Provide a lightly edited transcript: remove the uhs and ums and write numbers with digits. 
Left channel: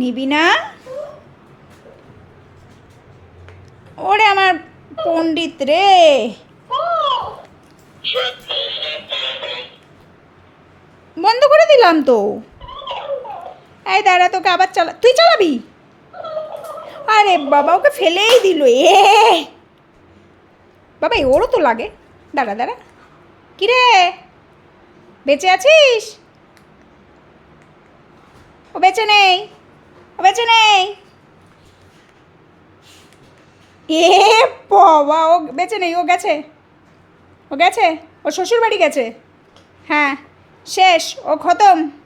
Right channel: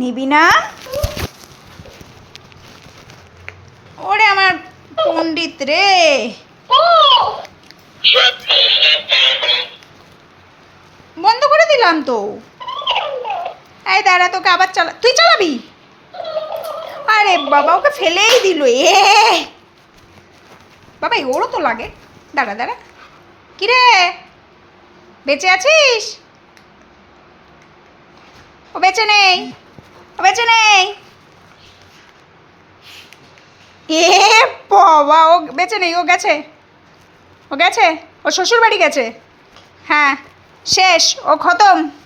নিবি না? ওরে আমার পণ্ডিত রে, বন্ধ করে দিলাম তো। এই দাঁড়া, তোকে আবার তুই চালাবি? আরে বাবা, ওকে ফেলেই দিল। বাবা ওরও তো লাগে। দাঁড়া দাঁড়া, কিরে বেঁচে আছিস? ও বেঁচে নেই, ও বেঁচে নেই। বাবা, ও বেঁচে নেই, ও গেছে, ও গেছে, ও শ্বশুর বাড়ি গেছে। হ্যাঁ শেষ, ও খতম।